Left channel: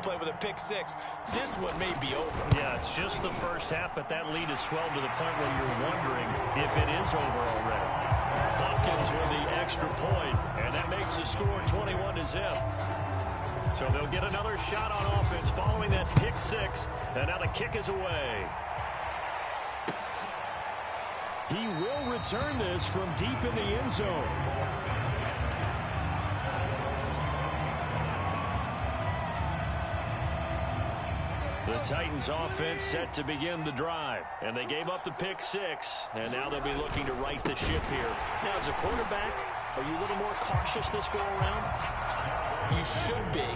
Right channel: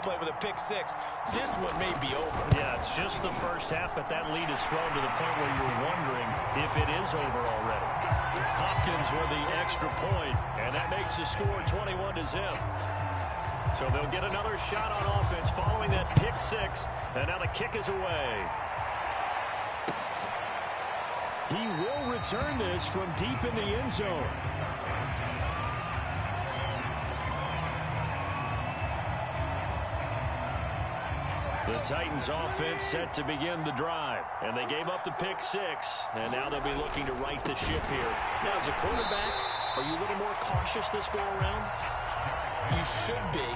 big play with a pick six. This one may be over. Yeah, it's just the first half, but that lead has swelled to the point where you're wondering if it is over already. Hopkins with the extra point, and that makes the score 21-0. So they'll get another shot on offense following that pick six, and now the kick is away. He will return this from deep in the end zone. The Titans offense set to begin the drive, and they gave up the pick six, and now they'll be looking to right the ship here. Now, as a quarterback, are you a little more cautious this go-around? You should be,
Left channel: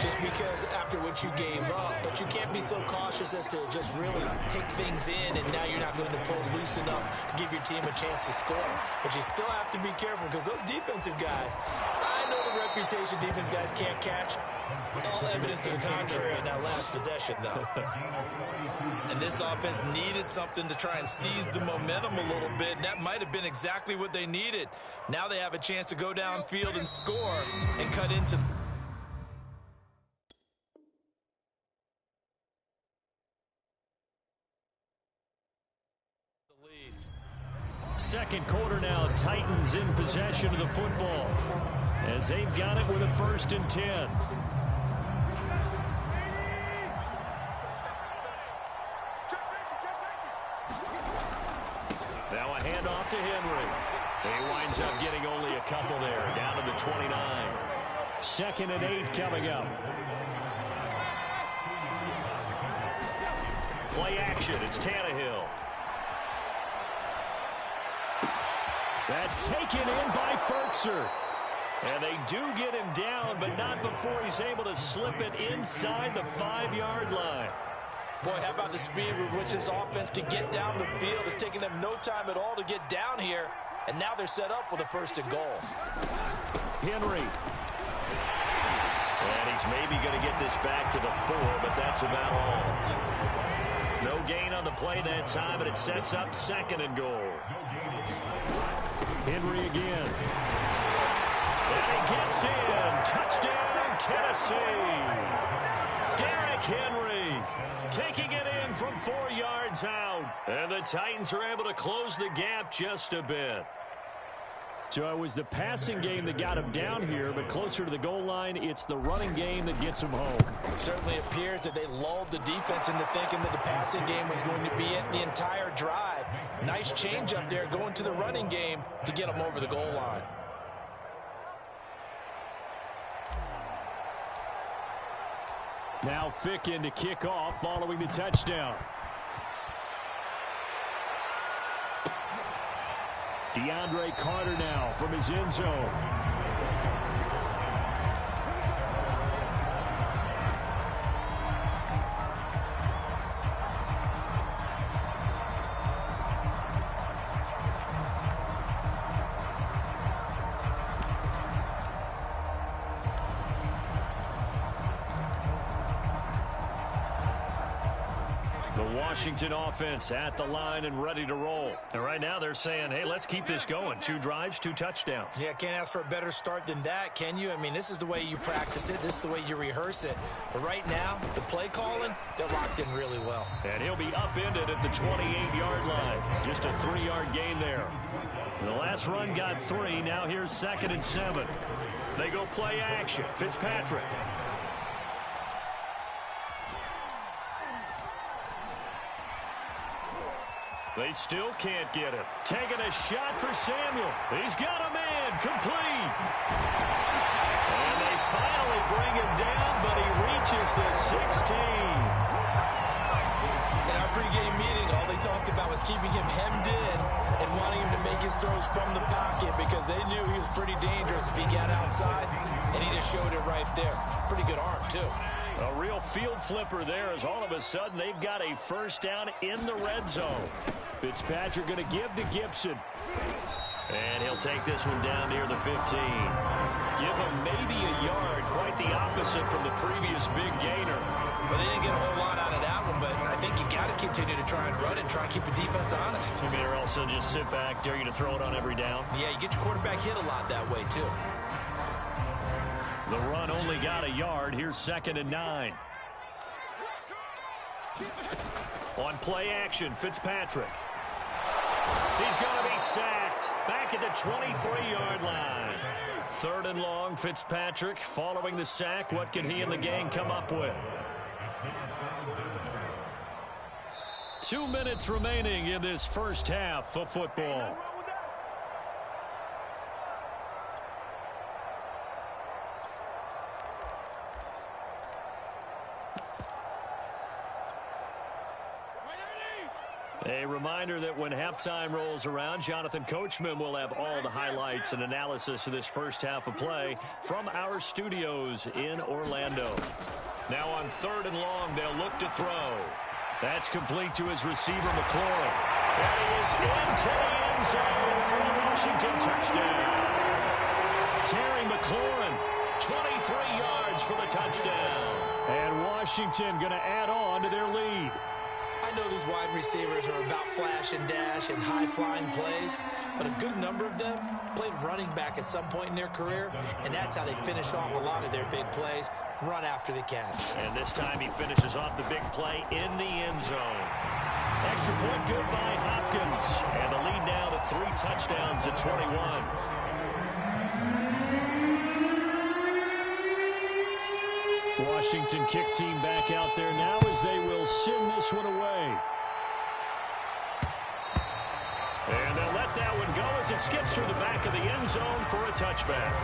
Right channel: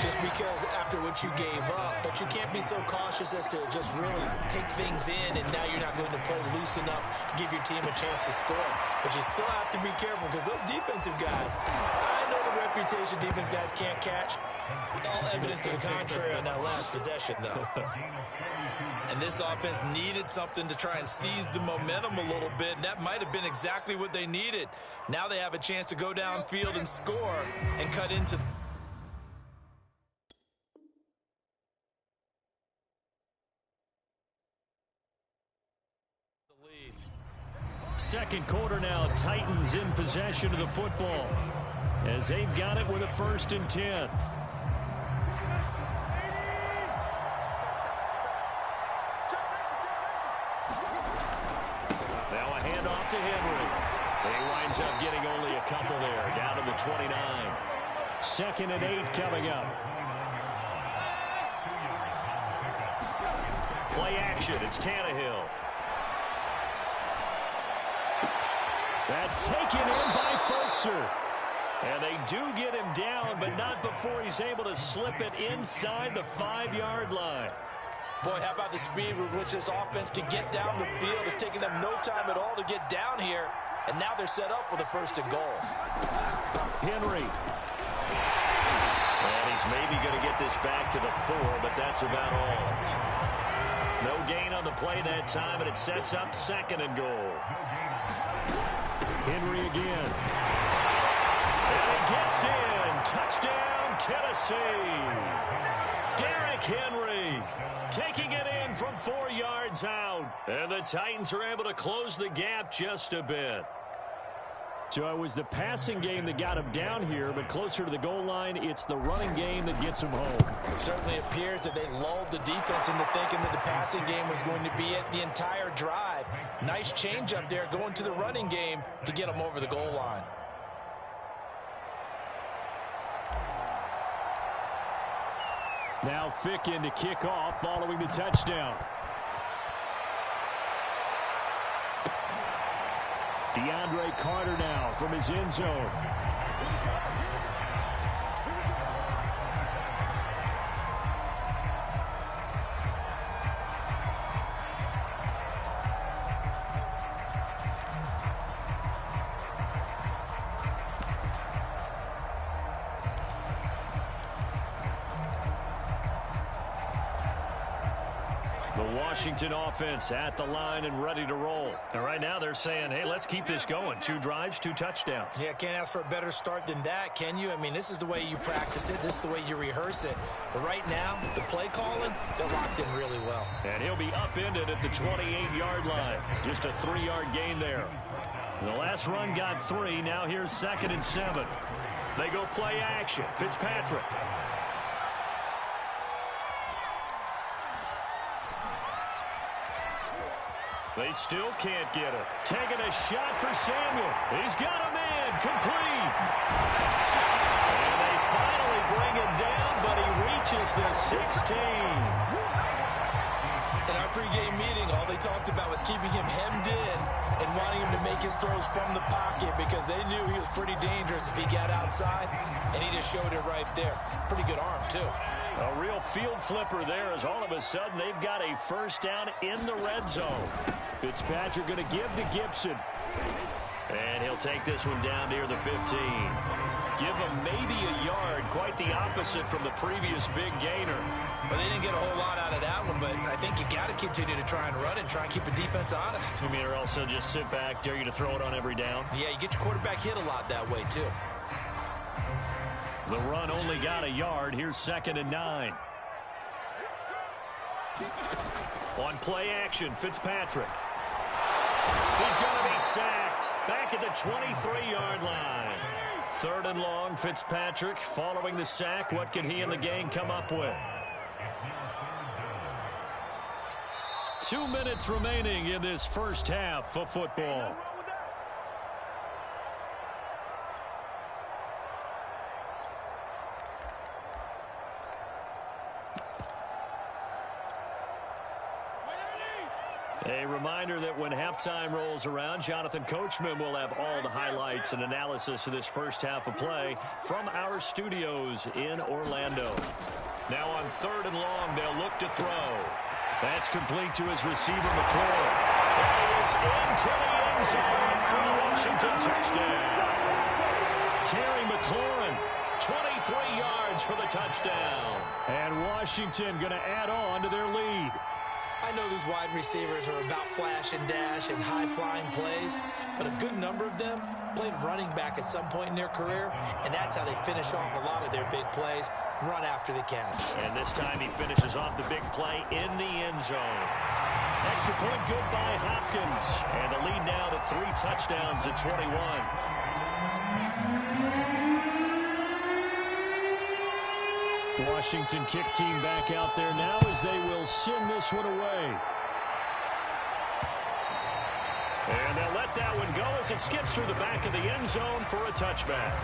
just because after what you gave up, but you can't be so cautious as to just really take things in, and now you're not going to play loose enough to give your team a chance to score. But you still have to be careful, because those defensive guys, I know the reputation defense guys can't catch. All evidence to the contrary on that last possession, though. And this offense needed something to try and seize the momentum a little bit, and that might have been exactly what they needed. Now they have a chance to go downfield and score and cut into the lead. Second quarter now, Titans in possession of the football as they've got it with a 1st and 10. Now a handoff to Henry. He winds up getting only a couple there, down to the 29. 2nd and 8 coming up. Play action, it's Tannehill. That's taken in by Ferkser. And they do get him down, but not before he's able to slip it inside the 5-yard line. Boy, how about the speed with which this offense can get down the field? It's taking them no time at all to get down here. And now they're set up with a 1st and goal. Henry. And he's maybe going to get this back to the 4, but that's about all. No gain on the play that time, but it sets up 2nd and goal. Henry again. And he gets in. Touchdown, Tennessee. Derrick Henry taking it in from 4 yards out. And the Titans are able to close the gap just a bit. So it was the passing game that got him down here, but closer to the goal line, it's the running game that gets him home. It certainly appears that they lulled the defense into thinking that the passing game was going to be it the entire drive. Nice change up there going to the running game to get them over the goal line. Now Fick in to kick off following the touchdown. DeAndre Carter now from his end zone. The Washington offense at the line and ready to roll. And right now they're saying, hey, let's keep this going. 2 drives, 2 touchdowns. Yeah, can't ask for a better start than that, can you? I mean, this is the way you practice it. This is the way you rehearse it. But right now, the play calling, they're locked in really well. And he'll be upended at the 28-yard line. Just a 3-yard gain there. The last run got 3. Now here's 2nd and 7. They go play action. Fitzpatrick. They still can't get it. Taking a shot for Samuel. He's got a man. Complete. And they finally bring him down, but he reaches the 16. In our pregame meeting, all they talked about was keeping him hemmed in and wanting him to make his throws from the pocket because they knew he was pretty dangerous if he got outside, and he just showed it right there. Pretty good arm, too. A real field flipper there as all of a sudden they've got a 1st down in the red zone. Fitzpatrick going to give to Gibson. And he'll take this one down near the 15. Give him maybe a yard, quite the opposite from the previous big gainer. Well, they didn't get a whole lot out of that one, but I think you've got to continue to try and run and try and keep the defense honest. You mean, or else they'll just sit back, dare you to throw it on every down? Yeah, you get your quarterback hit a lot that way, too. The run only got a yard. Here's 2nd and 9. On play action, Fitzpatrick. He's going to be sacked. Back at the 23-yard line. 3rd and long, Fitzpatrick following the sack. What can he and the gang come up with? 2 minutes remaining in this first half of football. A reminder that when halftime rolls around, Jonathan Coachman will have all the highlights and analysis of this first half of play from our studios in Orlando. Now on 3rd and long, they'll look to throw. That's complete to his receiver, McLaurin. And he is into the end zone for a Washington touchdown. Terry McLaurin, 23 yards for the touchdown. And Washington going to add on to their lead. I know these wide receivers are about flash and dash and high-flying plays, but a good number of them played running back at some point in their career, and that's how they finish off a lot of their big plays, run after the catch. And this time he finishes off the big play in the end zone. Extra point good by Hopkins, and the lead now to 3 touchdowns at 21. Washington kick team back out there now as they will send this one away. And they'll let that one go as it skips through the back of the end zone for a touchback.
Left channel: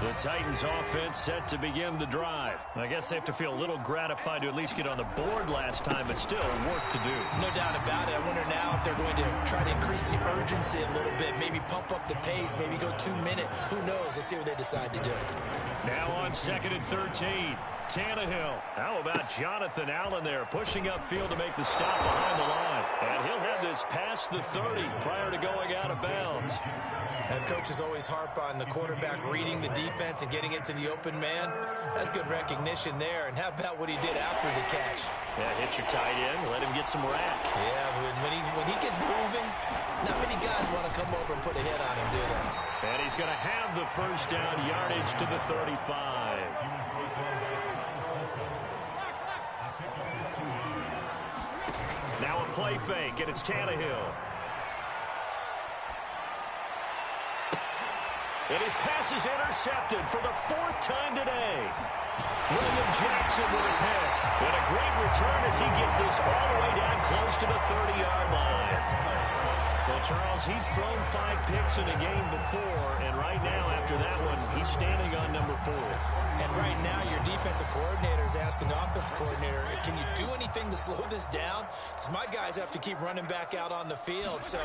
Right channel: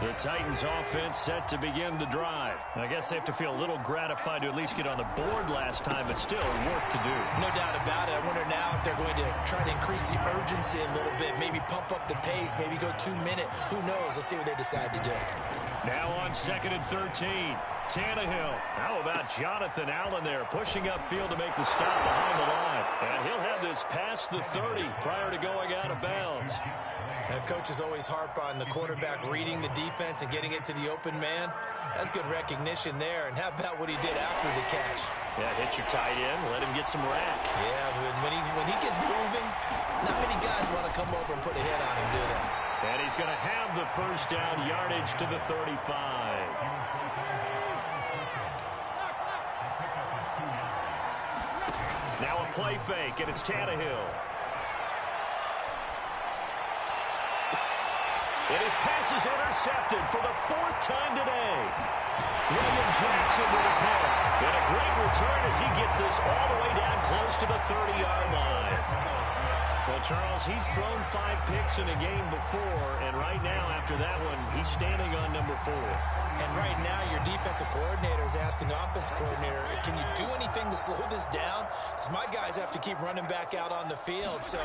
The Titans offense set to begin the drive. I guess they have to feel a little gratified to at least get on the board last time, but still work to do. No doubt about it. I wonder now if they're going to try to increase the urgency a little bit, maybe pump up the pace, maybe go 2-minute. Who knows? Let's see what they decide to do. Now on 2nd and 13, Tannehill. How about Jonathan Allen there pushing upfield to make the stop behind the line? And he'll have this past the 30 prior to going out of bounds. And coaches always harp on the quarterback reading the defense and getting it to the open man. That's good recognition there. And how about what he did after the catch? Yeah, hit your tight end, let him get some rack. Yeah, but when he gets moving, not many guys want to come over and put a hit on him, do they? And he's going to have the first down yardage to the 35. Now a play fake, and it's Tannehill. And his pass is intercepted for the 4th time today. William Jackson with a pick. And a great return as he gets this all the way down close to the 30-yard line. Well, Charles, he's thrown 5 picks in a game before, and right now, after that one, he's standing on number 4. And right now, your defensive coordinator is asking the offensive coordinator, can you do anything to slow this down? Because my guys have to keep running back out on the field. So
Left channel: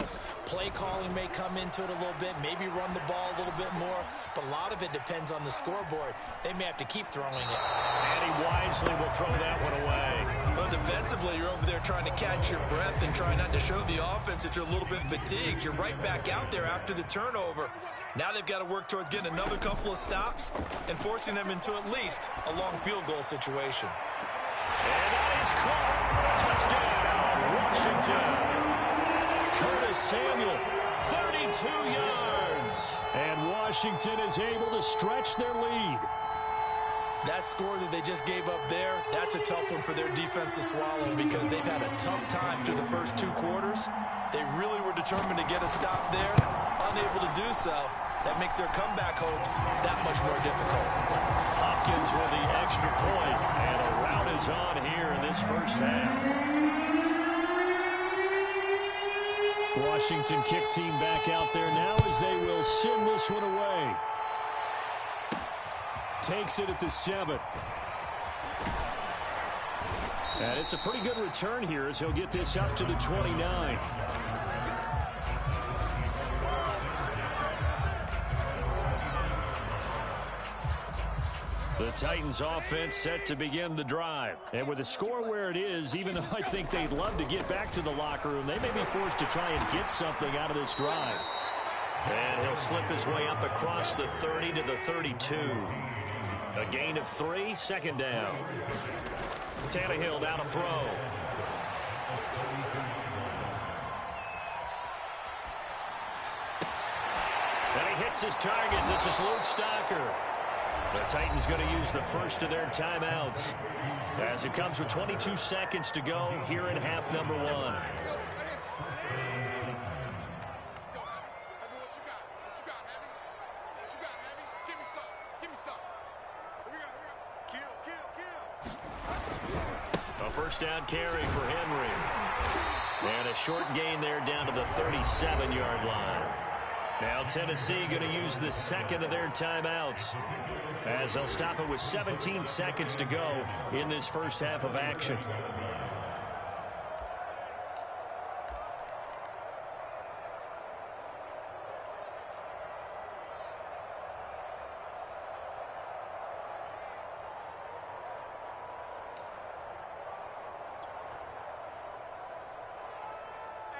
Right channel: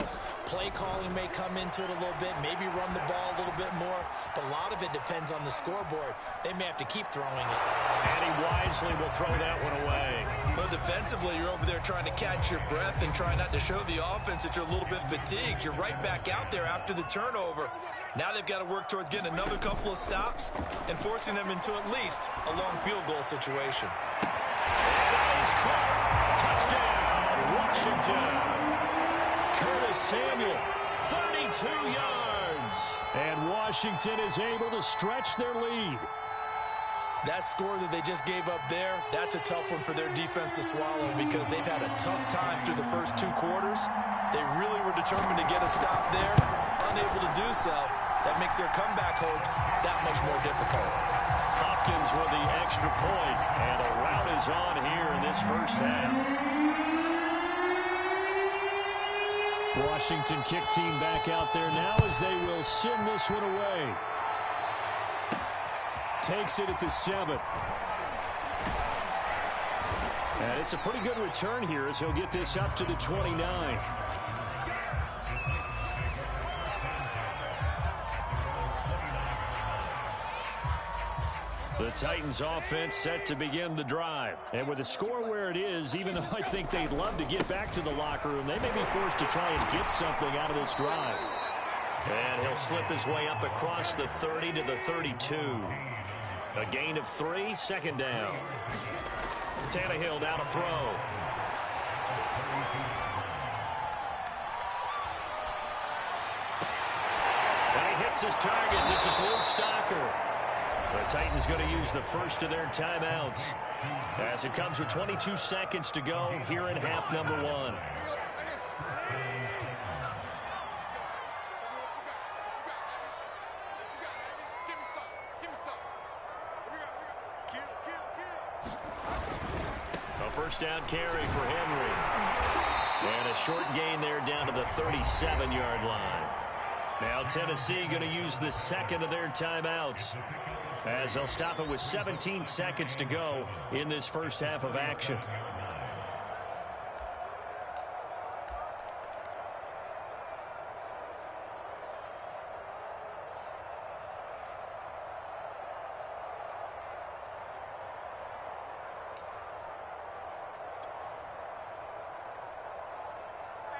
play calling may come into it a little bit, maybe run the ball a little bit more. But a lot of it depends on the scoreboard. They may have to keep throwing it. And he wisely will throw that one away. But defensively, you're over there trying to catch your breath and try not to show the offense that you're a little bit fatigued. You're right back out there after the turnover. Now they've got to work towards getting another couple of stops and forcing them into at least a long field goal situation. And that is caught. Touchdown, Washington. Curtis Samuel, 32 yards. And Washington is able to stretch their lead. That score that they just gave up there, that's a tough one for their defense to swallow because they've had a tough time through the first 2 quarters. They really were determined to get a stop there, unable to do so. That makes their comeback hopes that much more difficult. Hopkins with the extra point, and a rout is on here in this first half. Washington kick team back out there now as they will send this one away. Takes it at the 7. And it's a pretty good return here as he'll get this up to the 29. The Titans offense set to begin the drive. And with the score where it is, even though I think they'd love to get back to the locker room, they may be forced to try and get something out of this drive. And he'll slip his way up across the 30 to the 32. A gain of 3, 2nd down. Tannehill down to throw. And he hits his target. This is Luke Stocker. The Titans going to use the first of their timeouts as it comes with 22 seconds to go here in half number 1. A first down carry for Henry. And a short gain there down to the 37-yard line. Now Tennessee going to use the second of their timeouts as they'll stop it with 17 seconds to go in this first half of action.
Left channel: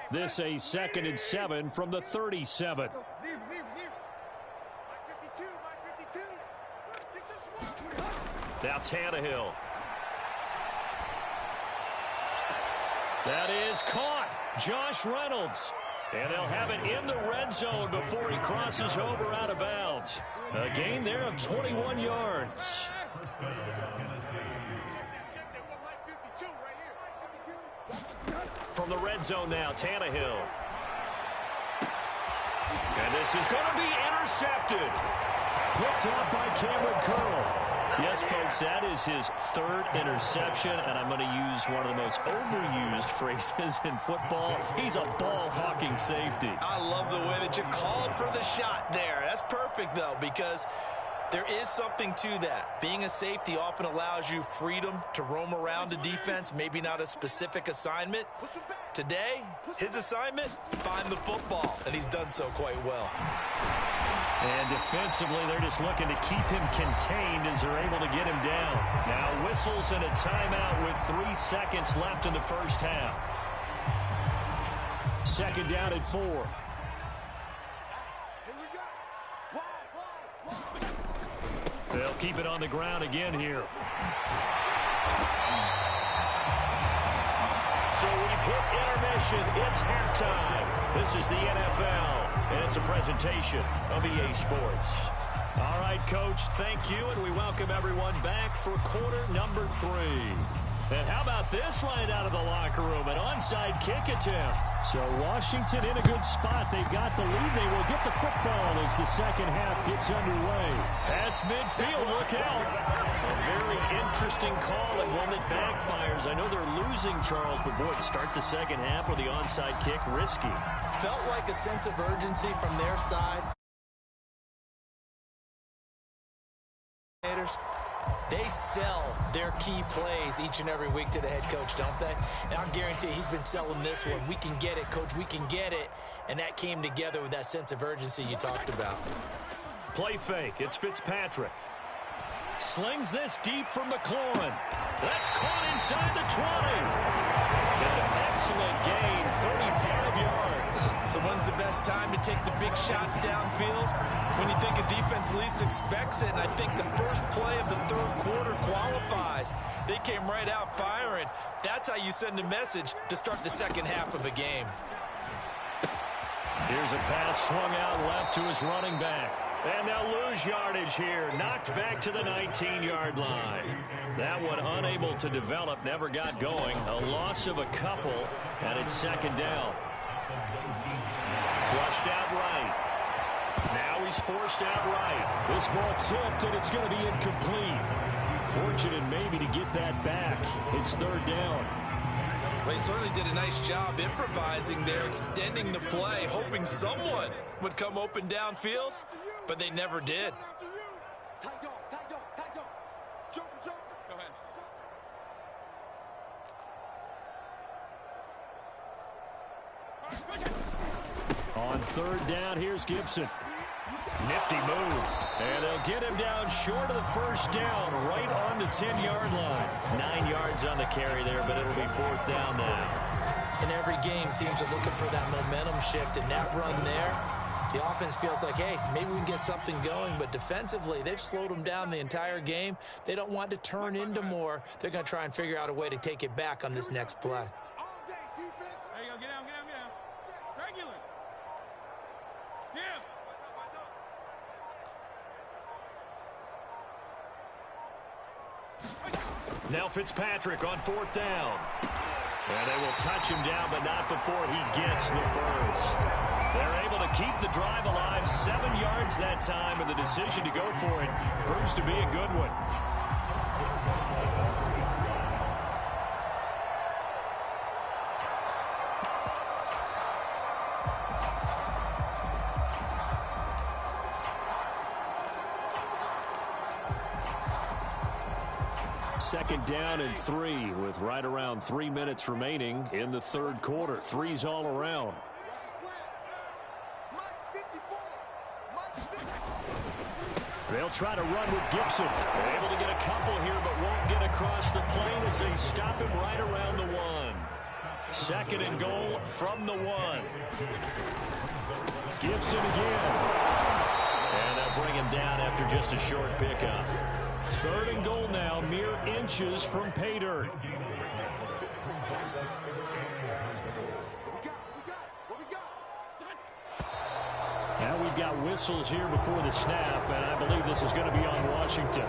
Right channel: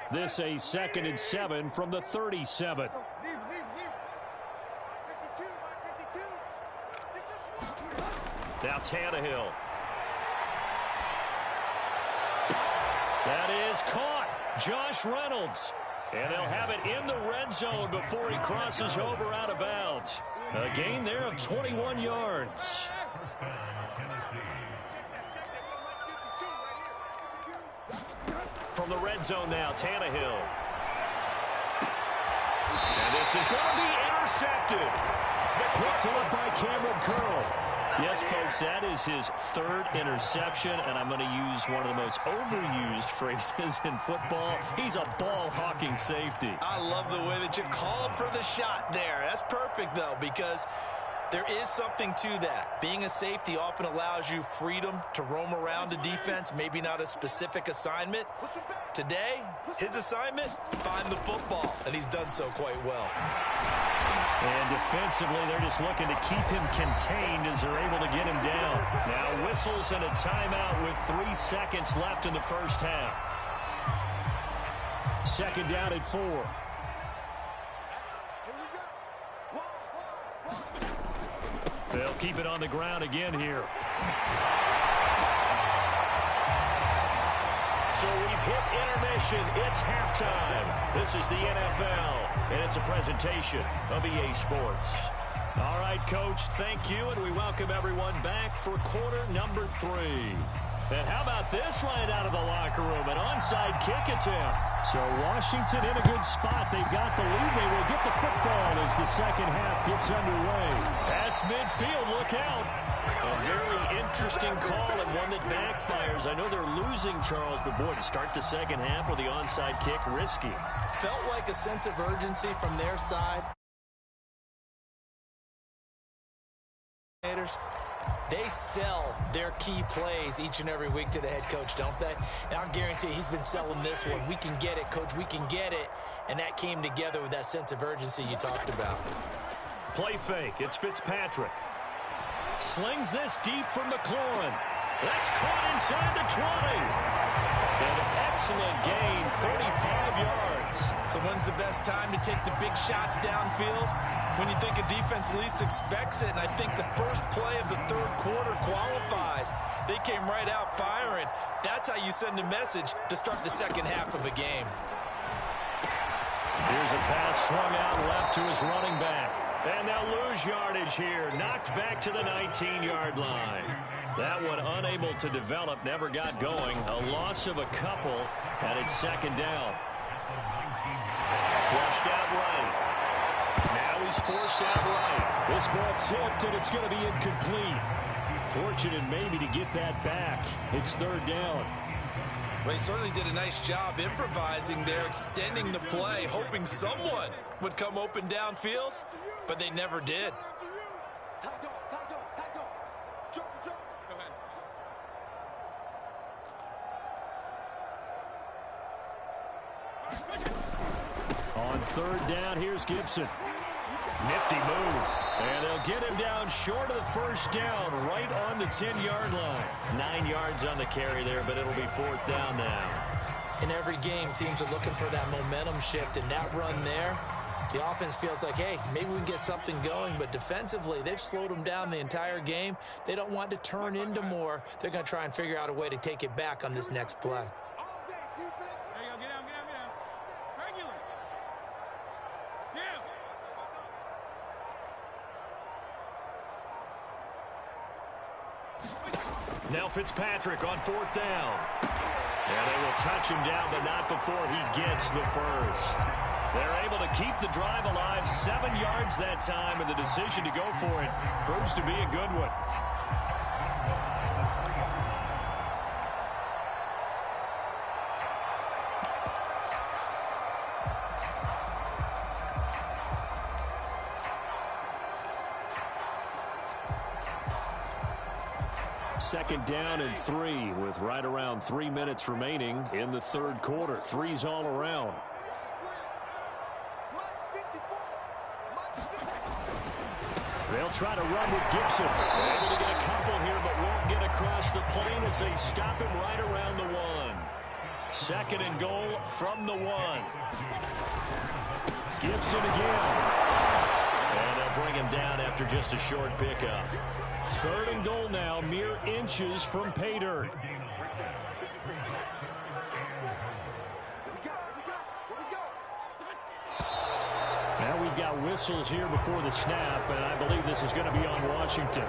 This a 2nd and 7 from the 37. Now Tannehill. That is caught. Josh Reynolds. And they'll have it in the red zone before he crosses over out of bounds. A gain there of 21 yards. From the red zone now, Tannehill. And this is going to be intercepted. Picked off by Cameron Curl. Yes, folks, that is his 3rd interception, and I'm going to use one of the most overused phrases in football. He's a ball-hawking safety. I love the way that you called for the shot there. That's perfect, though, because there is something to that. Being a safety often allows you freedom to roam around a defense, maybe not a specific assignment. Today, his assignment, find the football, and he's done so quite well. And defensively, they're just looking to keep him contained as they're able to get him down. Now whistles and a timeout with 3 seconds left in the first half. 2nd down at 4. They'll keep it on the ground again here. So we've hit intermission. It's halftime. This is the NFL, and it's a presentation of EA Sports. All right, Coach, thank you, and we welcome everyone back for quarter number 3. And how about this right out of the locker room, an onside kick attempt. So Washington in a good spot. They've got the lead. They will get the football as the second half gets underway. Past midfield, look out. A very interesting call and one that backfires. I know they're losing, Charles, but boy, to start the second half with the onside kick, risky. Felt like a sense of urgency from their side. They sell their key plays each and every week to the head coach, don't they? And I'll guarantee he's been selling this one. We can get it, Coach. We can get it. And that came together with that sense of urgency you talked about. Play fake. It's Fitzpatrick. Slings this deep from McLaurin. That's caught inside the 20. An excellent gain, 35 yards. So when's the best time to take the big shots downfield? When you think a defense least expects it, and I think the first play of the 3rd quarter qualifies. They came right out firing. That's how you send a message to start the second half of a game. Here's a pass swung out left to his running back. And they'll lose yardage here. Knocked back to the 19-yard line. That one unable to develop, never got going. A loss of a couple, and it's 2nd down. Flushed out right. Now he's forced out right. This ball tipped, and it's going to be incomplete. Fortunate maybe to get that back. It's 3rd down. Well, he certainly did a nice job improvising there, extending the play, hoping someone would come open downfield, but they never did. On 3rd down, here's Gibson. Nifty move. And they'll get him down short of the first down, right on the 10-yard line. 9 yards on the carry there, but it'll be 4th down now. In every game, teams are looking for that momentum shift, and that run there, the offense feels like, hey, maybe we can get something going, but defensively, they've slowed them down the entire game. They don't want to turn into more. They're going to try and figure out a way to take it back on this next play. All day, defense. There you go. Get down, get down, get down. Regular. Yeah. Now Fitzpatrick on 4th down. And they will touch him down, but not before he gets the first. They're able to keep the drive alive, 7 yards that time, and the decision to go for it proves to be a good one. Second down and 3 with right around 3 minutes remaining in the third quarter. Threes all around. They'll try to run with Gibson. Able to get a couple here, but won't get across the plane as they stop him right around the 1. Second and goal from the 1. Gibson again. And they'll bring him down after just a short pickup. Third and goal now, mere inches from pay dirt. Now we've got whistles here before the snap, and I believe this is going to be on Washington.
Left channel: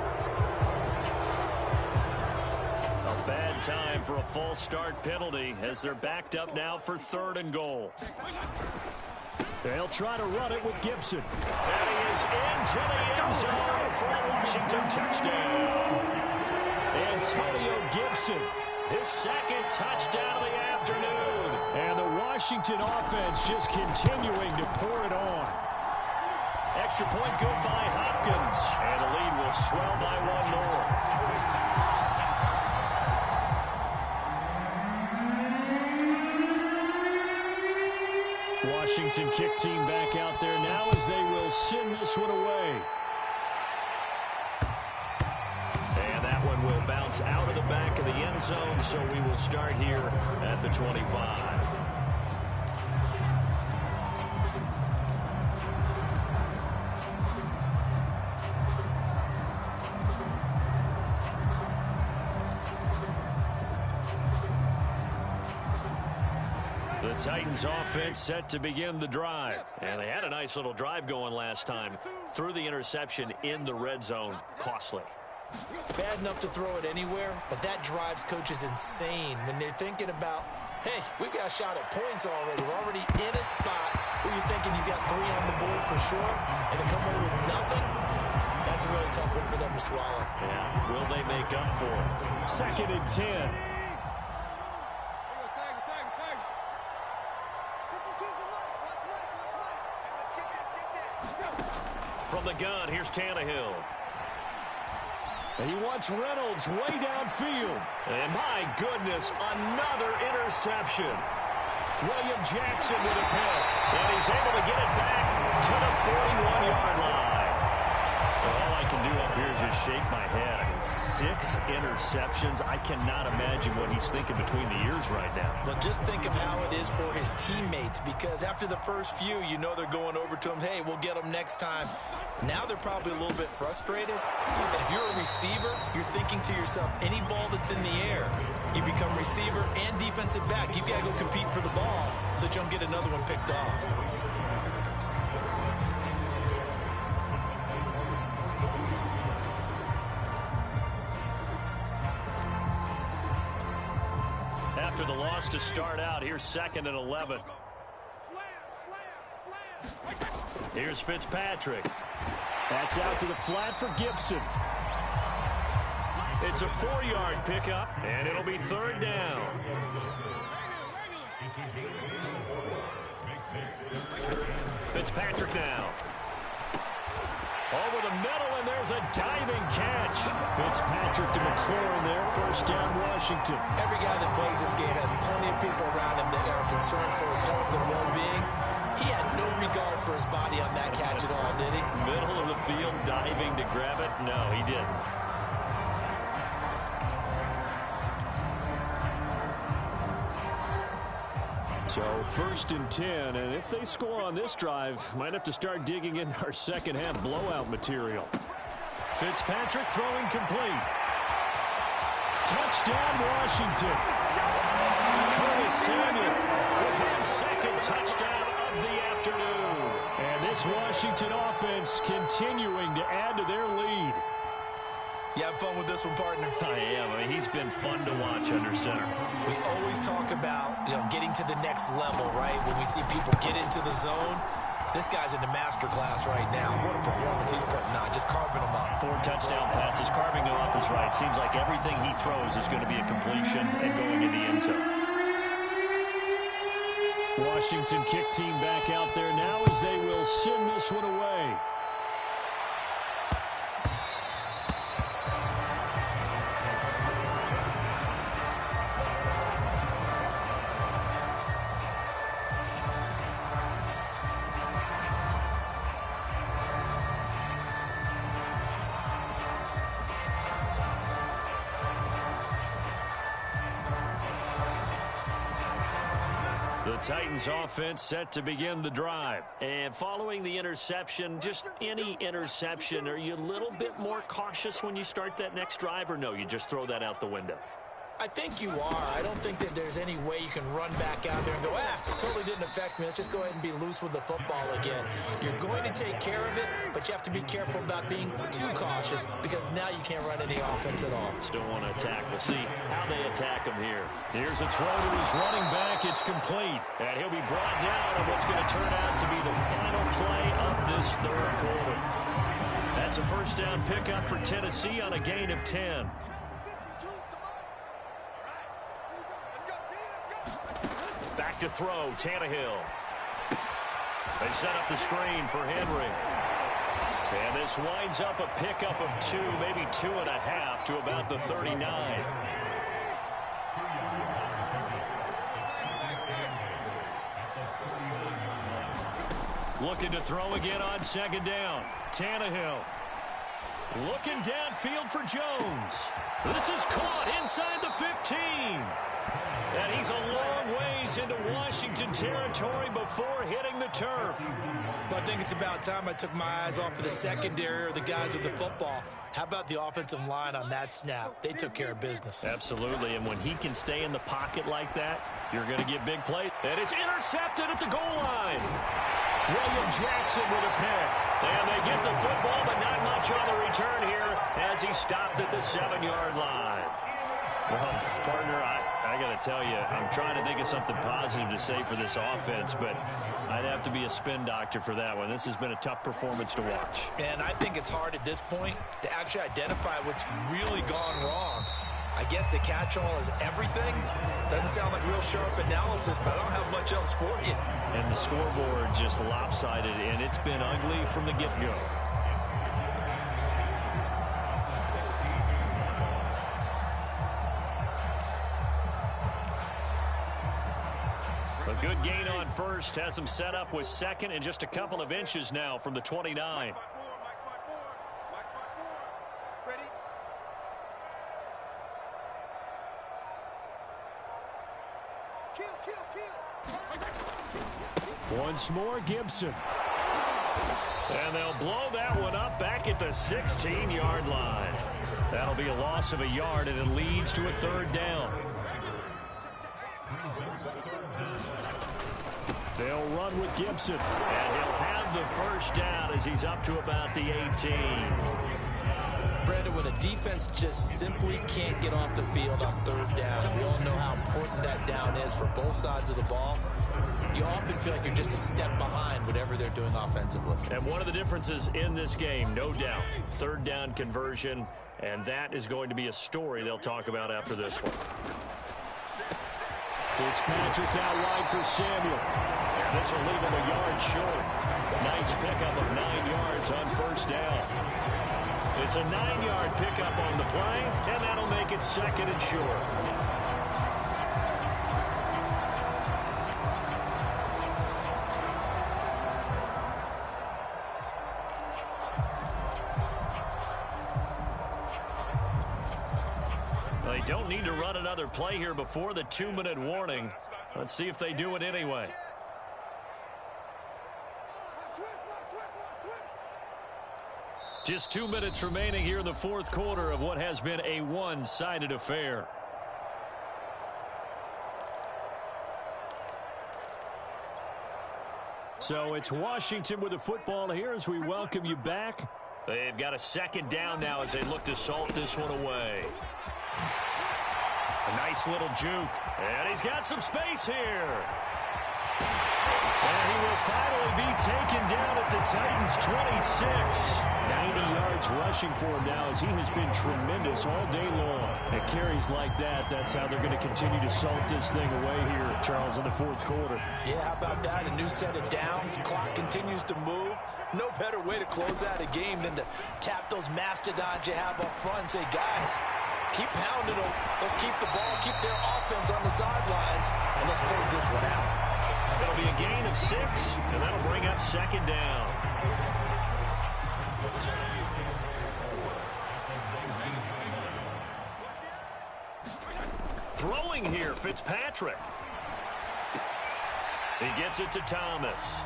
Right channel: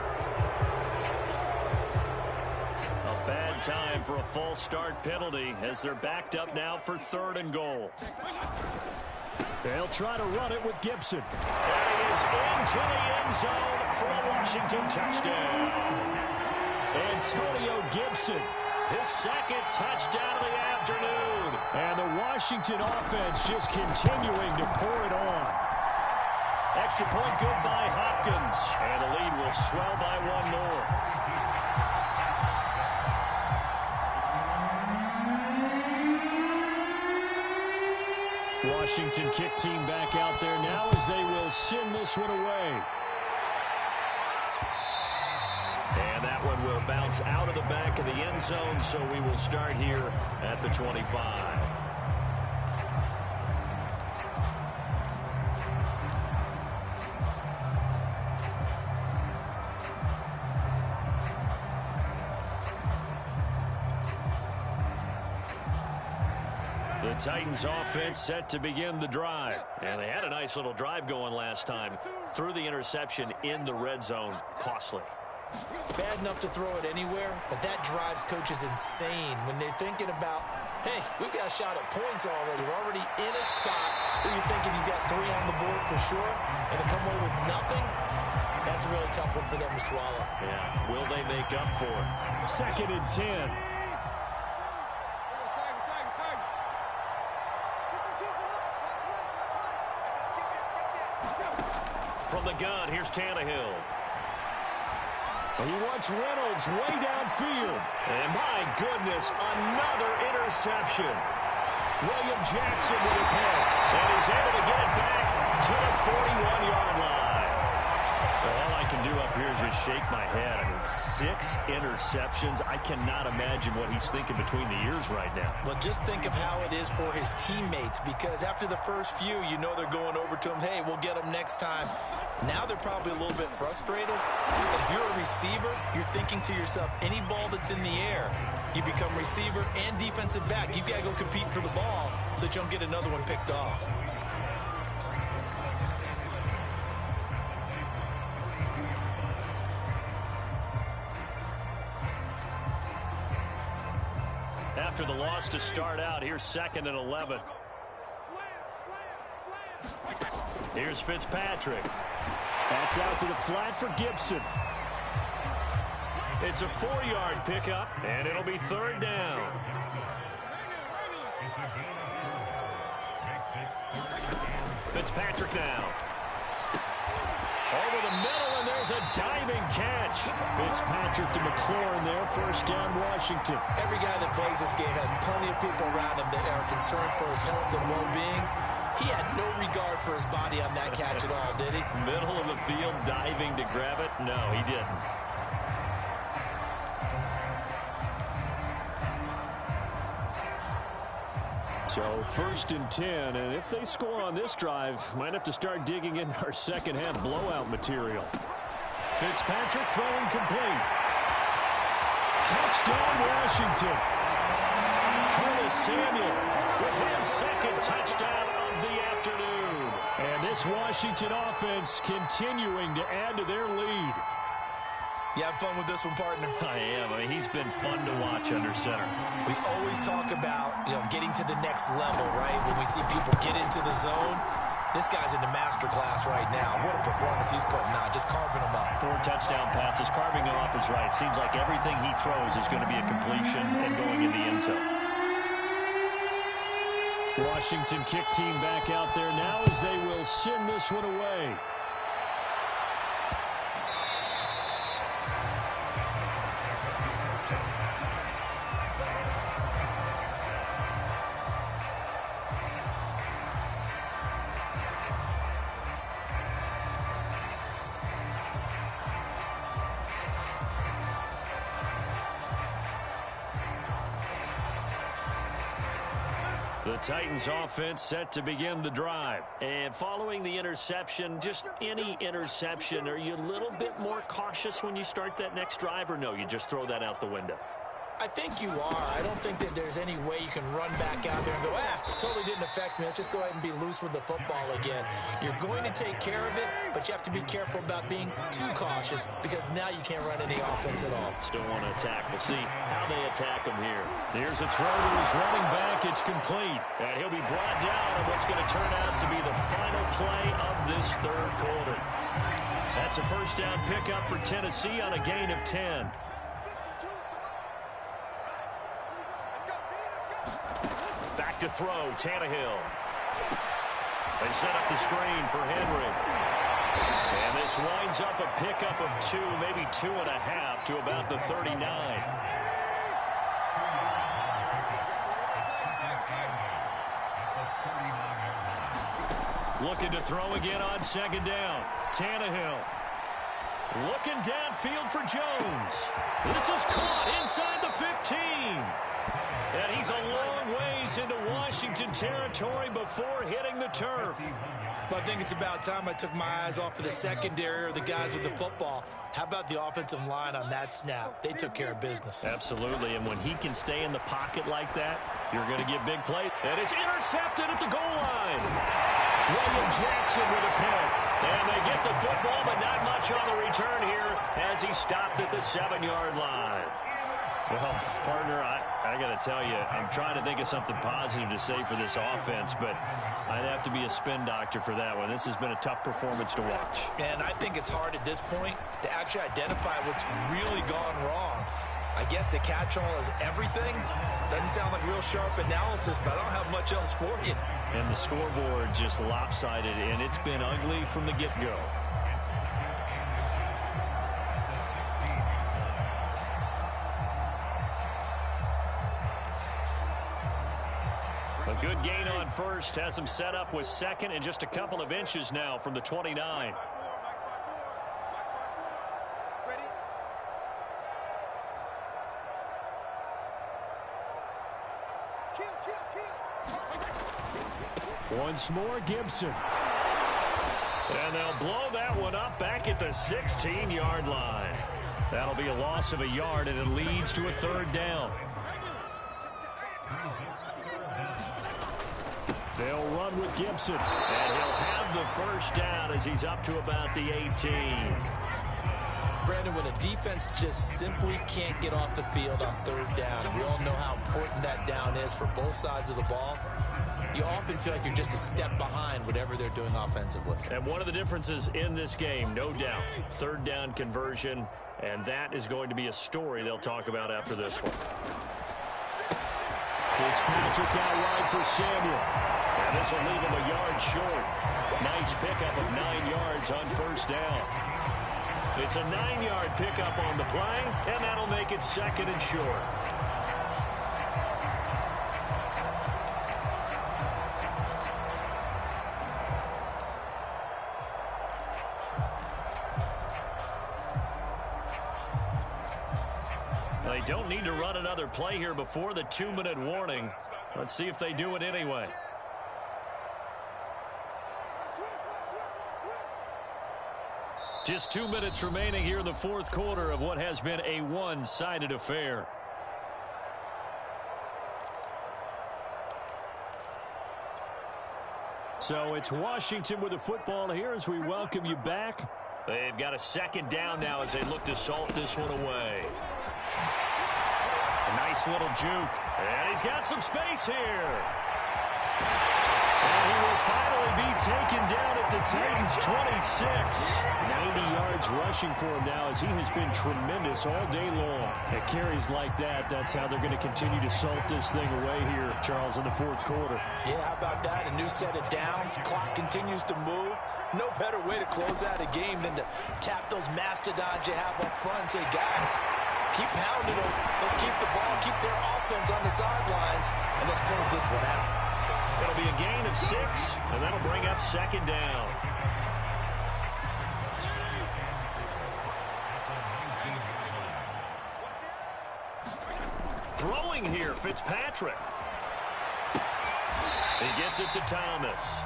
A bad time for a false start penalty as they're backed up now for third and goal. They'll try to run it with Gibson. And he is into the end zone for a Washington touchdown. Antonio Gibson, his second touchdown of the afternoon. And the Washington offense just continuing to pour it on. Extra point good by Hopkins. And the lead will swell by 1 more. Washington kick team back out there now as they will send this one away. And that one will bounce out of the back of the end zone, so we will start here at the 25. The Titans offense set to begin the drive. And they had a nice little drive going last time. Threw the interception in the red zone. Costly. Bad enough to throw it anywhere, but that drives coaches insane when they're thinking about, hey, we've got a shot at points already. We're already in a spot where you're thinking you've got 3 on the board for sure, and to come away with nothing, that's a really tough one for them to swallow. Yeah, will they make up for it? Second and 10. From the gun, here's Tannehill. He wants Reynolds way downfield. And my goodness, another interception. William Jackson with a pick. And he's able to get it back to the 41-yard line. All I can do up here is just shake my head. I mean, 6 interceptions. I cannot imagine what he's thinking between the ears right now. Well, just think of how it is for his teammates, because after the first few, you know they're going over to him, hey, we'll get them next time. Now they're probably a little bit frustrated. And if you're a receiver, you're thinking to yourself, any ball that's in the air, you become receiver and defensive back. You've got to go compete for the ball so that you don't get another one picked off. After the loss to start out, here's 2nd and 11. Here's Fitzpatrick. That's out to the flat for Gibson. It's a 4-yard pickup, and it'll be 3rd down. Fitzpatrick now. Over the middle, and there's a diving catch. Fitzpatrick to McLaurin there, 1st down Washington. Every guy that plays this game has plenty of people around him that are concerned for his health and well-being. He had no regard for his body on that catch at all, did he? Middle of the field, diving to grab it? No, he didn't. So 1st and 10, and if they score on this drive, might have to start digging in our second half blowout material. Fitzpatrick throwing complete. Touchdown, Washington. Curtis Samuel with his 2nd touchdown of the afternoon. And this Washington offense continuing to add to their lead. You have fun with this one, partner? I am. I mean, he's been fun to watch under center. We always talk about, getting to the next level, right? When we see people get into the zone, this guy's in the master class right now. What a performance he's putting on, just carving them up. 4 touchdown passes. Carving them up is right. Seems like everything he throws is going to be a completion and going in the end zone. Washington kick team back out there now as they will send this one away. The Titans offense set to begin the drive. And following the interception, just any interception, are you a little bit more cautious when you start that next drive, or no, you just throw that out the window? I think you are. I don't think that there's any way you can run back out there and go, totally didn't affect me. Let's just go ahead and be loose with the football again. You're going to take care of it, but you have to be careful about being too cautious because now you can't run any offense at all. Still want to attack. We'll see how they attack him here. Here's a throw to his running back. It's complete. And he'll be brought down on what's going to turn out to be the final play of this third quarter. That's a first down pickup for Tennessee on a gain of 10. Back to throw, Tannehill. They set up the screen for Henry. And this winds up a pickup of 2, maybe 2.5 to about the 39. Looking to throw again on second down. Tannehill. Looking downfield for Jones. This is caught inside the 15. And he's a long ways into Washington territory before hitting the turf. But I think it's about time I took my eyes off of the secondary or the guys with the football. How about the offensive line on that snap? They took care of business. Absolutely, and when he can stay in the pocket like that, you're going to get big plays. And it's intercepted at the goal line. William Jackson with a pick. And they get the football, but not much on the return here as he stopped at the 7-yard line. Well, partner, I got to tell you, I'm trying to think of something positive to say for this offense, but I'd have to be a spin doctor for that one. This has been a tough performance to watch. And I think it's hard at this point to actually identify what's really gone wrong. I guess the catch-all is everything. Doesn't sound like real sharp analysis, but I don't have much else for you. And the scoreboard just lopsided, and it's been ugly from the get-go. A good gain on first has him set up with second and just a couple of inches now from the 29. Once more, Gibson. And they'll blow that one up back at the 16-yard line. That'll be a loss of a yard, and it leads to a third down. They'll run with Gibson, and he'll have the first down as he's up to about the 18. Brandon, when a defense just simply can't get off the field on third down, and we all know how important that down is for both sides of the ball, you often feel like you're just a step behind whatever they're doing offensively. And one of the differences in this game, no doubt, third down conversion, and that is going to be a story they'll talk about after this one. Fitzpatrick out wide for Samuel. And this will leave him a yard short. Nice pickup of 9 yards on first down. It's a 9-yard pickup on the play, and that'll make it second and short. They don't need to run another play here before the 2-minute warning. Let's see if they do it anyway. Just 2 minutes remaining here in the fourth quarter of what has been a one-sided affair. So it's Washington with the football here as we welcome you back. They've got a second down now as they look to salt this one away. A nice little juke. And he's got some space here. And he will finally be taken down at the Titans' 26. 90 yards rushing for him now as he has been tremendous all day long. At carries like that, that's how they're going to continue to salt this thing away here, Charles, in the fourth quarter. Yeah, how about that? A new set of downs. Clock continues to move. No better way to close out a game than to tap those mastodons you have up front and say, guys, keep pounding them. Let's keep the ball, keep their offense on the sidelines, and let's close this one out. It'll be a gain of 6, and that'll bring up second down. Throwing here, Fitzpatrick. He gets it to Thomas.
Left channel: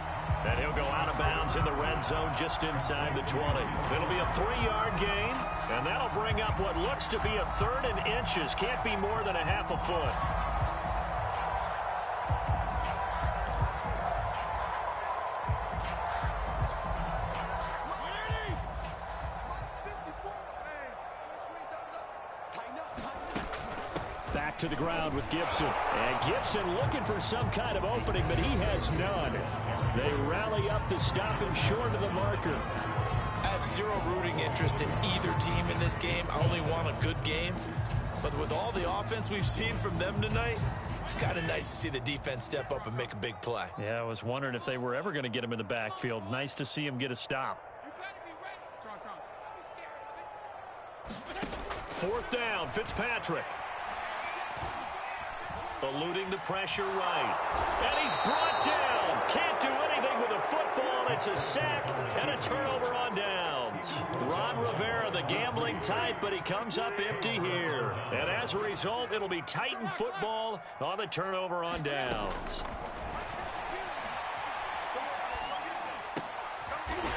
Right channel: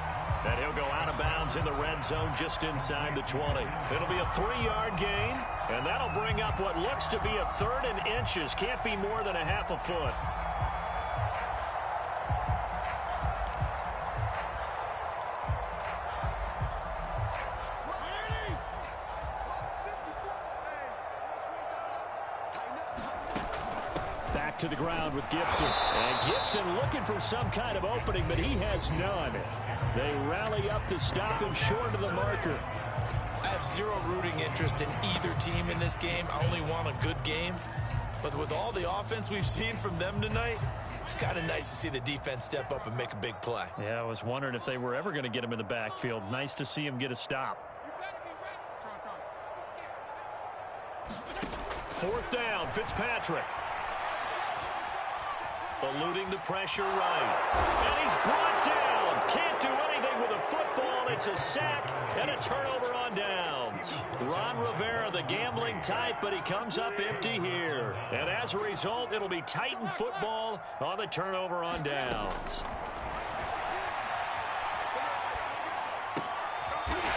And he'll go out of bounds in the red zone just inside the 20. It'll be a 3-yard gain, and that'll bring up what looks to be a 3rd and inches. Can't be more than a half a foot. Back to the ground with Gibson. And Gibson looking for some kind of opening, but he has none. They rally up to stop him short of the marker. I have zero rooting interest in either team in this game. I only want a good game. But with all the offense we've seen from them tonight, it's kind of nice to see the defense step up and make a big play. Yeah, I was wondering if they were ever going to get him in the backfield. Nice to see him get a stop. Fourth down, Fitzpatrick. Eluding the pressure right. And he's brought down. Can't do anything with a football. It's a sack and a turnover on downs. Ron Rivera, the gambling type, but he comes up empty here. And as a result, it'll be Titan football on the turnover on downs.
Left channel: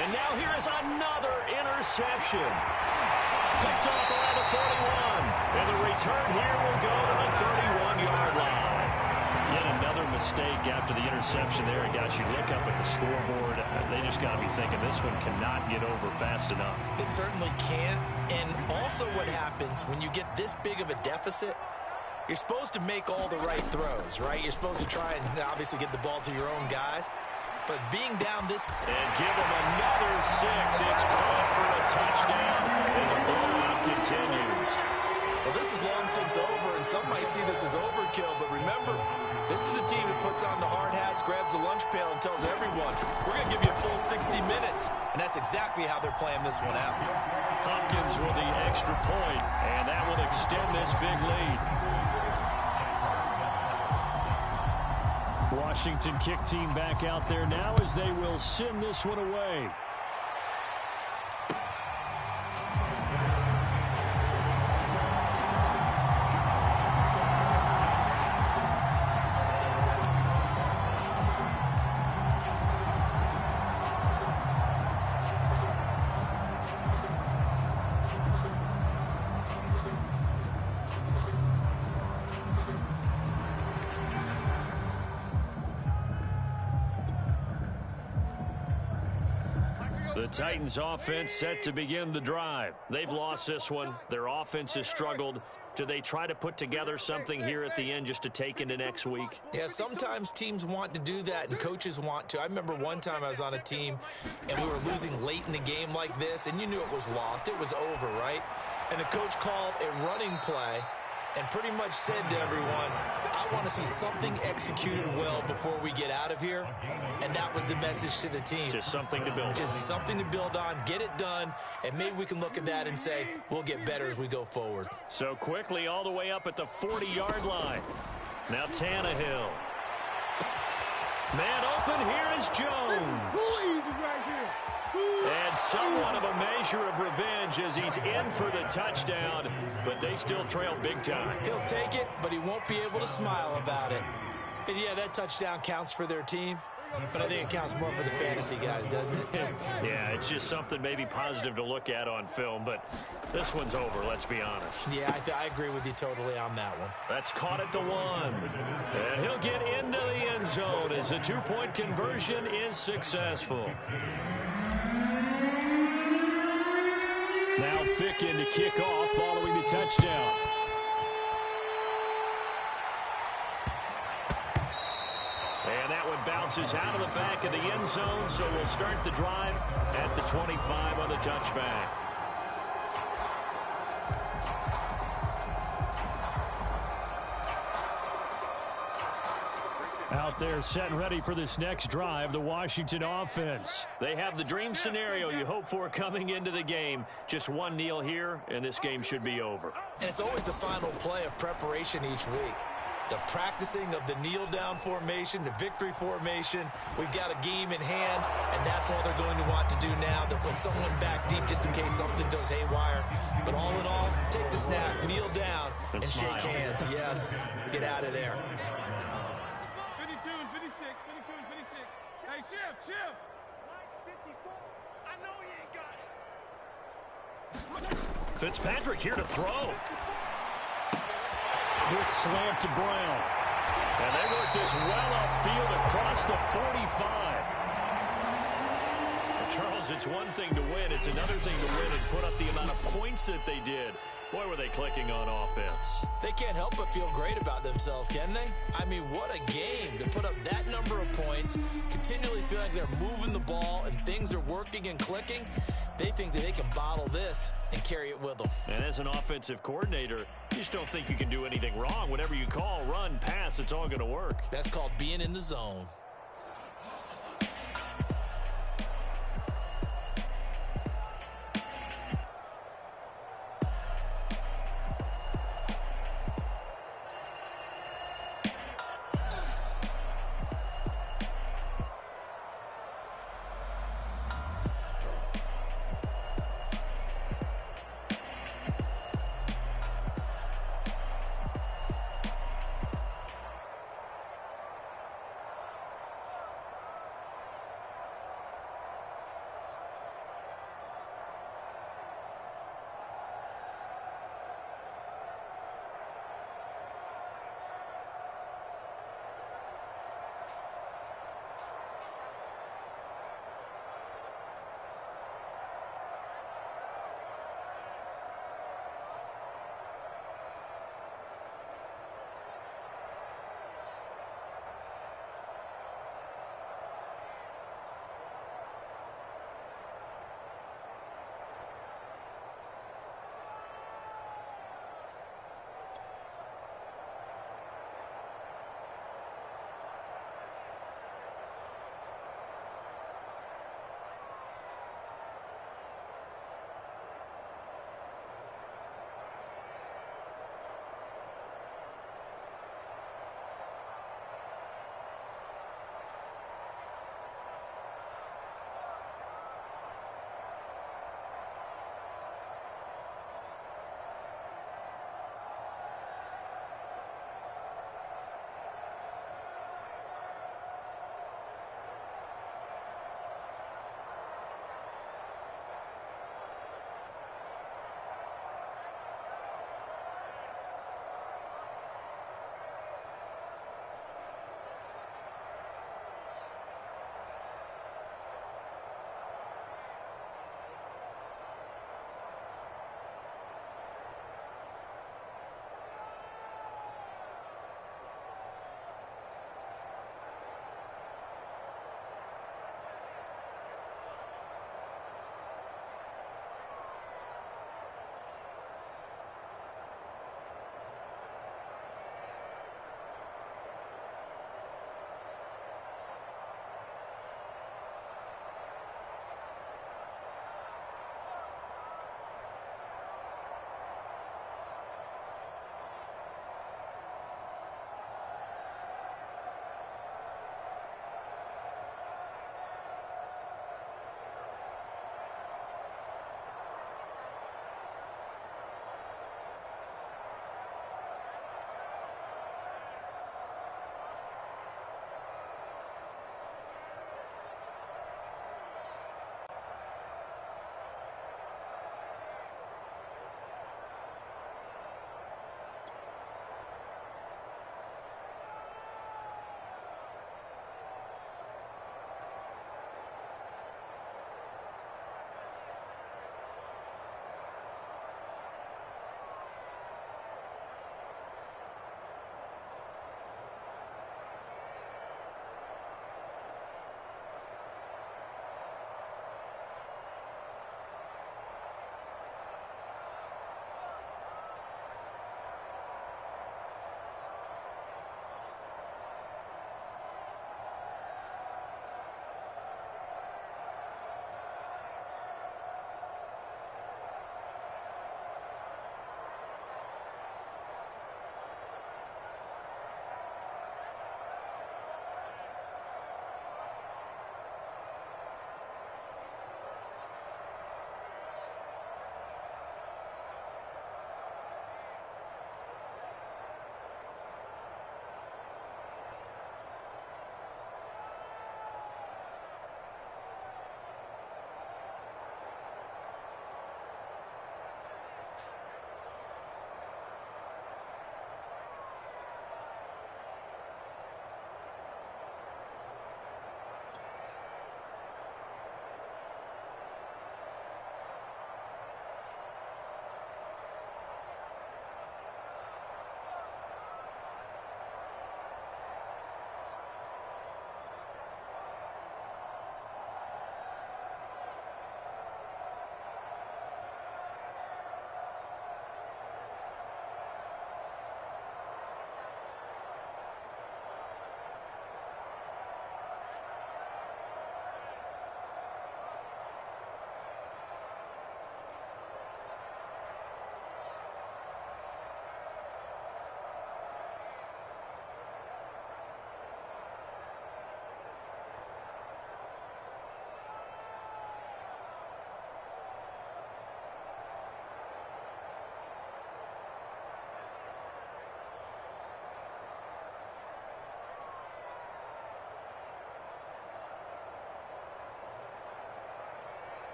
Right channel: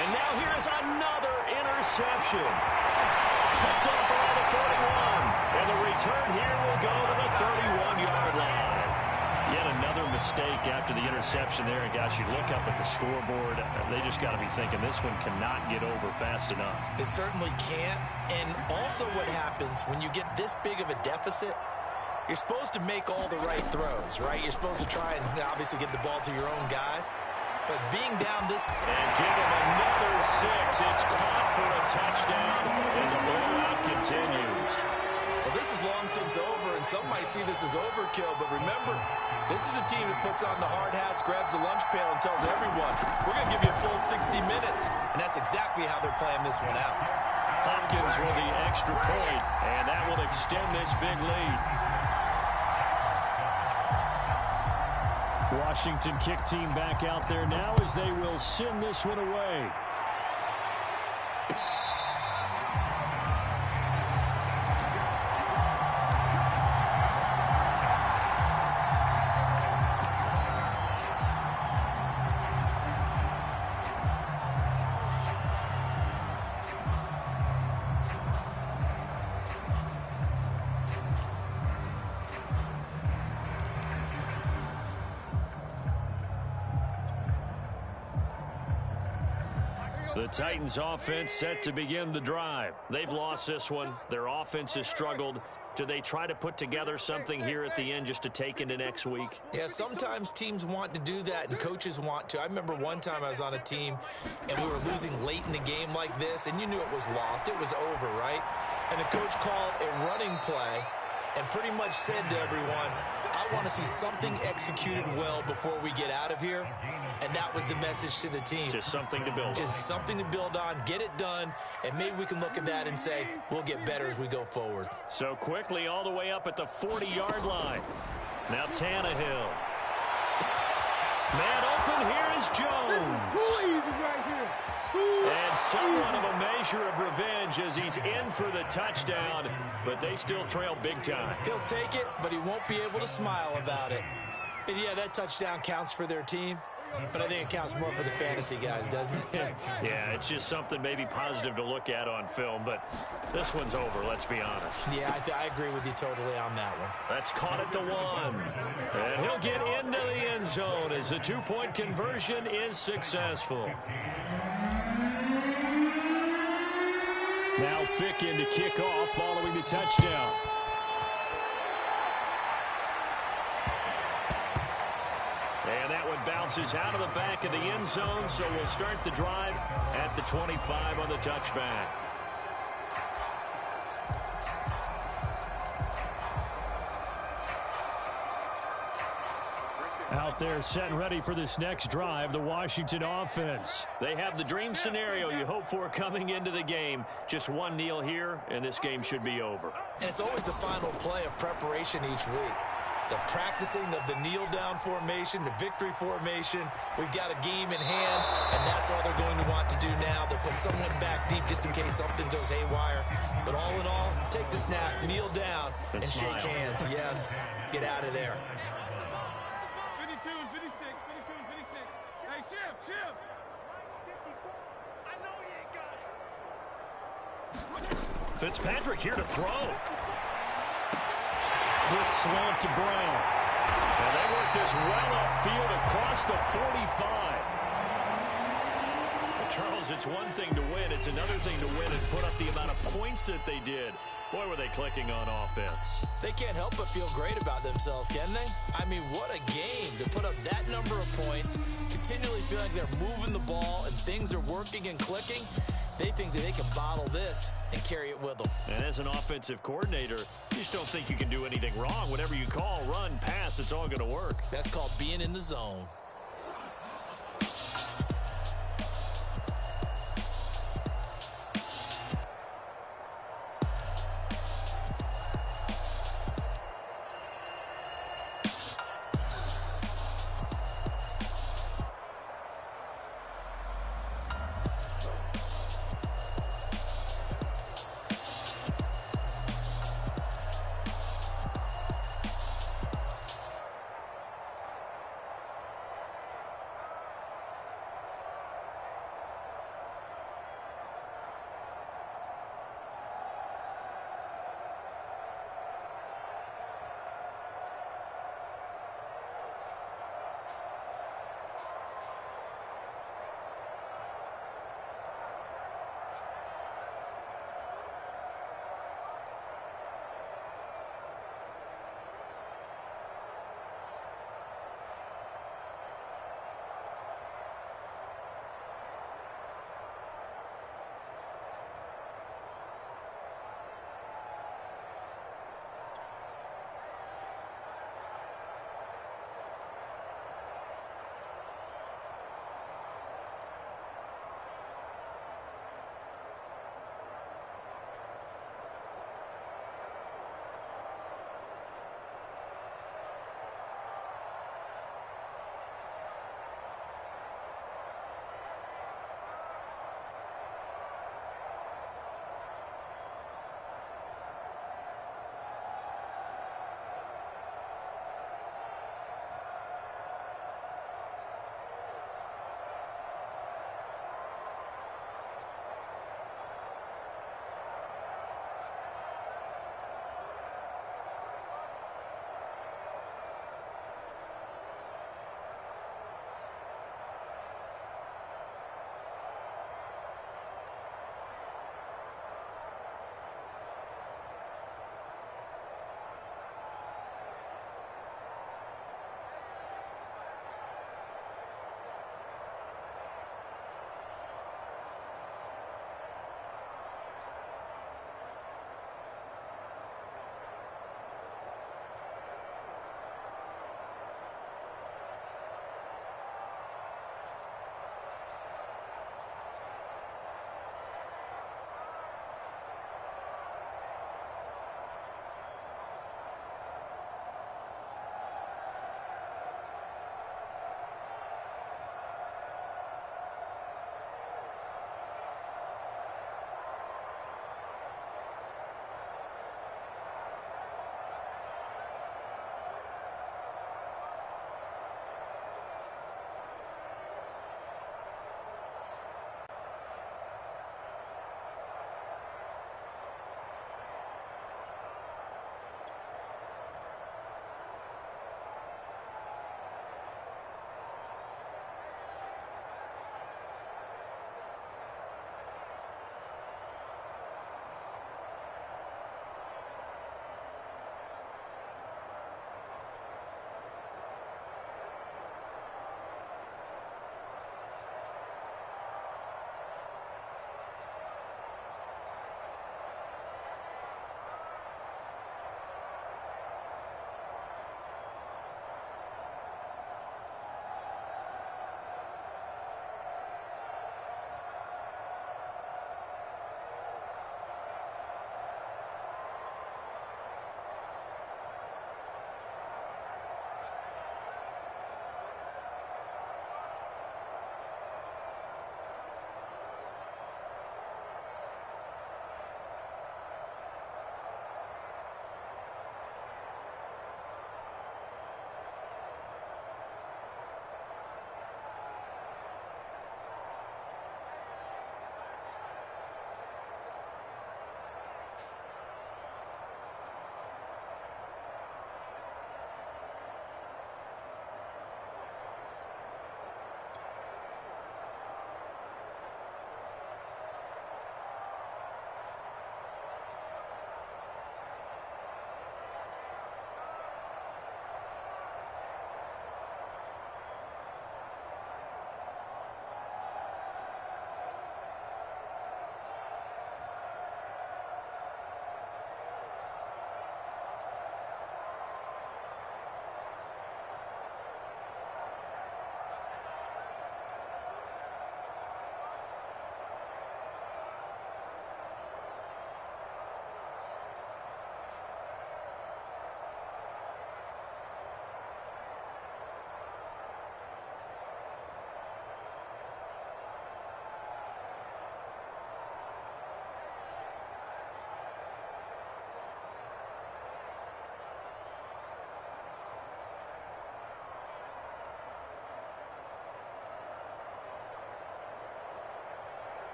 And now here is another interception. Picked off around the 41. And the return here will go to the 31-yard line. Yet another mistake after the interception there. And gosh, you look up at the scoreboard, they just got to be thinking this one cannot get over fast enough. It certainly can't. And also what happens when you get this big of a deficit, you're supposed to make all the right throws, right? You're supposed to try and obviously get the ball to your own guys. But being down this... And give him another 6. It's caught for a touchdown, and the blowout continues. Well, this is long since over, and some might see this as overkill. But remember, this is a team that puts on the hard hats, grabs the lunch pail, and tells everyone, we're going to give you a full 60 minutes. And that's exactly how they're playing this one out. Hopkins with the extra point, and that will extend this big lead. Washington kick team back out there now as they will send this one away. The Titans offense set to begin the drive. They've lost this one. Their offense has struggled. Do they try to put together something here at the end just to take into next week? Yeah, sometimes teams want to do that and coaches want to. I remember one time I was on a team and we were losing late in the game like this, and you knew it was lost. It was over, right? And the coach called a running play and pretty much said to everyone, I want to see something executed well before we get out of here. And that was the message to the team. Just something to build on. Just something to build on, get it done, and maybe we can look at that and say, we'll get better as we go forward. So quickly all the way up at the 40-yard line. Now Tannehill. Man open, here is Jones. This is too easy right here. And somewhat of a measure of revenge as he's in for the touchdown, but they still trail big time. He'll take it, but he won't be able to smile about it. And yeah, that touchdown counts for their team, but I think it counts more for the fantasy guys, doesn't it? Yeah, it's just something maybe positive to look at on film, but this one's over, let's be honest. Yeah, I agree with you totally on that one. That's caught at the 1. And he'll get into the end zone as the two-point conversion is successful. Now Ficken to kick off following the touchdown. And that one bounces out of the back of the end zone, so we'll start the drive at the 25 on the touchback. Out there set and ready for this next drive, the Washington offense. They have the dream scenario you hope for coming into the game. Just one kneel here, and this game should be over. And it's always the final play of preparation each week. The practicing of the kneel-down formation, the victory formation. We've got a game in hand, and that's all they're going to want to do now. They'll put someone back deep just in case something goes haywire. But all in all, take the snap, kneel down, and shake hands. Yes, get out of there. 52 and 56, 52 and 56. Hey, shift. Like 54. I know you ain't got it. Fitzpatrick here to throw. Quick slant to Brown. And they work this well upfield across the 45. Well, Charles, it's one thing to win. It's another thing to win and put up the amount of points that they did. Boy, were they clicking on offense. They can't help but feel great about themselves, can they? I mean, what a game to put up that number of points, continually feel like they're moving the ball and things are working and clicking. They think that they can bottle this and carry it with them. And as an offensive coordinator, you just don't think you can do anything wrong. Whatever you call, run, pass, it's all going to work. That's called being in the zone.